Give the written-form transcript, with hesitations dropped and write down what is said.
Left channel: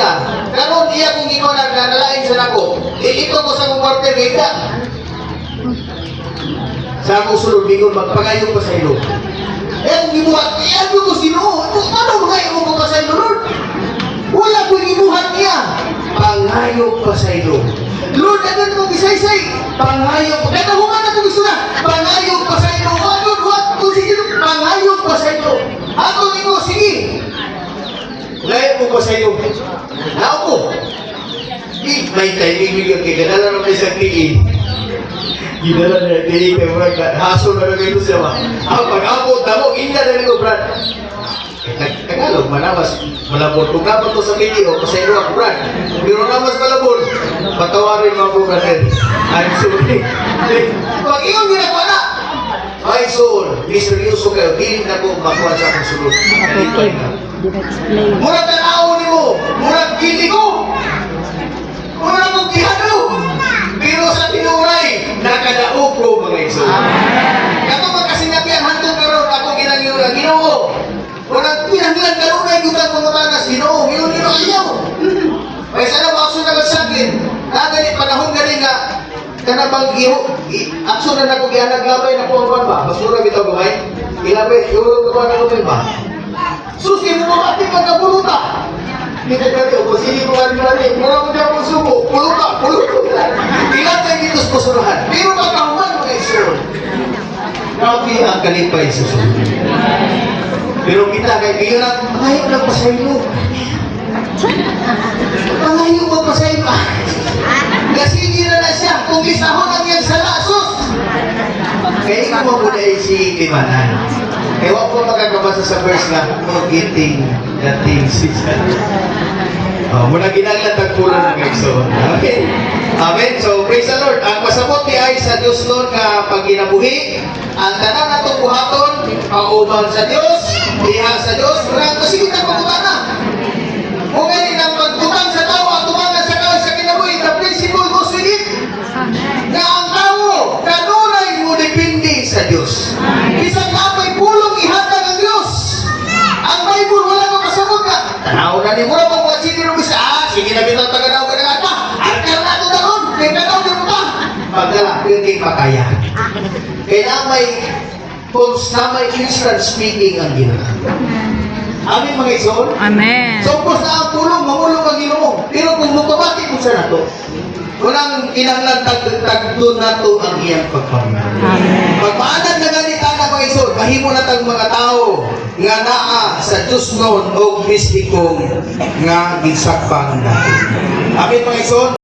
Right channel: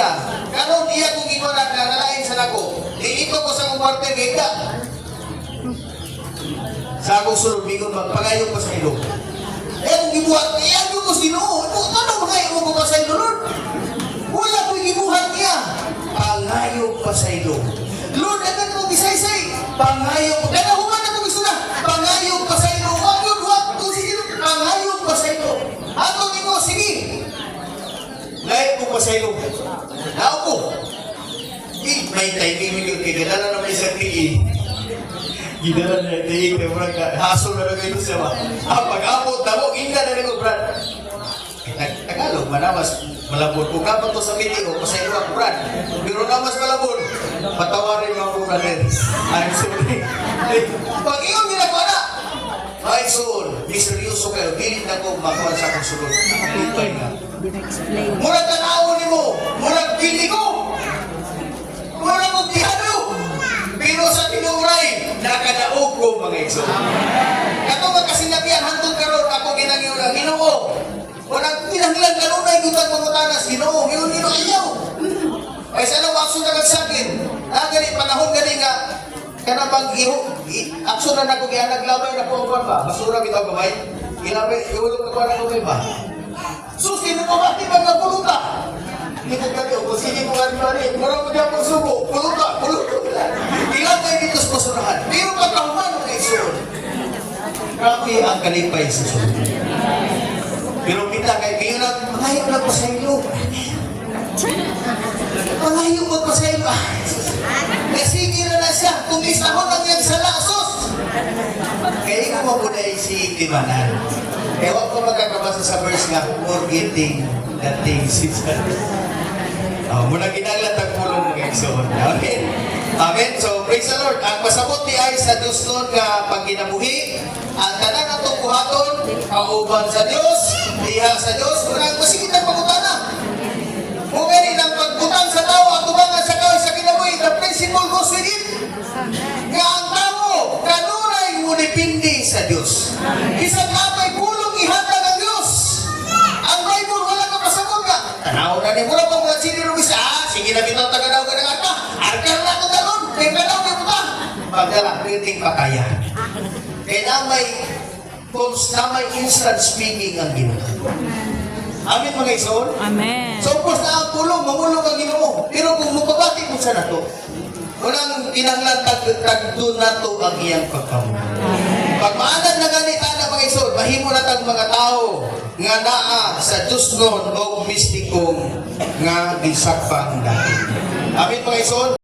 niya. Karon iya kung ikaw na nalain sa nako. Ito ko sa kong kwarter ika. Sa akong sulod, bigon magpangayo ko sa ilo. Kung gibuhat niya, ko sa Ginoo. Ano mangayo ko pa sa ilo, Lord? Wala ko gibuhat niya. Pangayo pa sa ilo. Lord, agad mo gisaysay. Pangayo pa. Nakahuman ako gusto na. Pangayo pa sa ilo. Lord, what? Kung sige, pangayo pa sa ilo. Ako ni ko, sige. Ngayon mo pa sa ilo. Ako. May timing million. Kaya ganala naman sa tiin. Ginala na tiin. Kaya murag haso na rin ito siya. Pag-abot na mo, inya na rin ko, Brad. Tagalog, manamas. Malabon. Kung kapag to sa video, kasi ilo ako, Brad. Pero namas malabon. Patawarin mga bro, brother. I'm sorry. Pag iyong ginagawa na, ay soul, miseryoso kayo, hindi na ko makuha sa akong sulod. Ipay na. Murag tanaw ni mo, murag pili ko, murag mong tihano. Pero sa tinuray, nakadaog ko mga iso. Kato magkasinatian hantong karon ako ginagyo na Ginoo. Murag pinanglan karunay gutang pangutanas, Ginoo, yun ayaw. Ay sana ba ako naman sa akin? Ganit panahon galing na kanabang aksyon na nako gianag labay na po ang ba? Basura bitaw gamay. Ilabay, yung ko na lumay ba? Sus, hindi mo mati pagkapuluta. Kita kami, kung sini mo gani-gani, mura mo niya akong suko, puluta. Ilabay dito sa basurahan. Pero pagkahuman mo kayo sunod. Grabe ang kalipay sa sunod. Pero kita kay Diyo na, ayaw nagpasaylo. Ayaw magpasaylo. Nasigi na siya. Kung isahon lang yan sa lasos. Kaya ikaw mo muna si Timanan. Ewan ko magkakabasa sa verse na more getting the things. Muna ginaglatag pulang mga igsoon. Okay. Amen. So, praise the Lord. Ang masabot ni ay sa Diyos Lord na pagkinabuhi. Ang tanan na itong buhaton, pauban sa Diyos, diha sa Diyos. Kasi kita pagkutana. Kung ganin ang magkutang sa tao at tumangan sa kaway sa kinabuhi, the principle goes with it. Nga ang tao, kanunay mo depende sa Diyos. Isang kapay pulong ihatag ang Diyos. Ang Bible, wala ka pasabot ka. Tanaw na ni mula pang mga sinirubis. Sige na bitaw tagadaw ka na nga pa. Arkal na ito taon. May kanaw ka pa. Pagdala, pwedeng pakaya. Kailangan may instant speaking ang Ginoo. Amin mga igsoon? Amen. So, kung na ang pulong, mamulong ang Ginoo. Pero kung mutubati mo sa nato, walang kinanglan tagdo na to ang iyang pagpamahal. Amen. Pagmaanan na ganita na mga igsoon, mahimo na tang mga tao nga naa sa Diyos noon o mistikong nga gisakpang dati. Amin mga igsoon?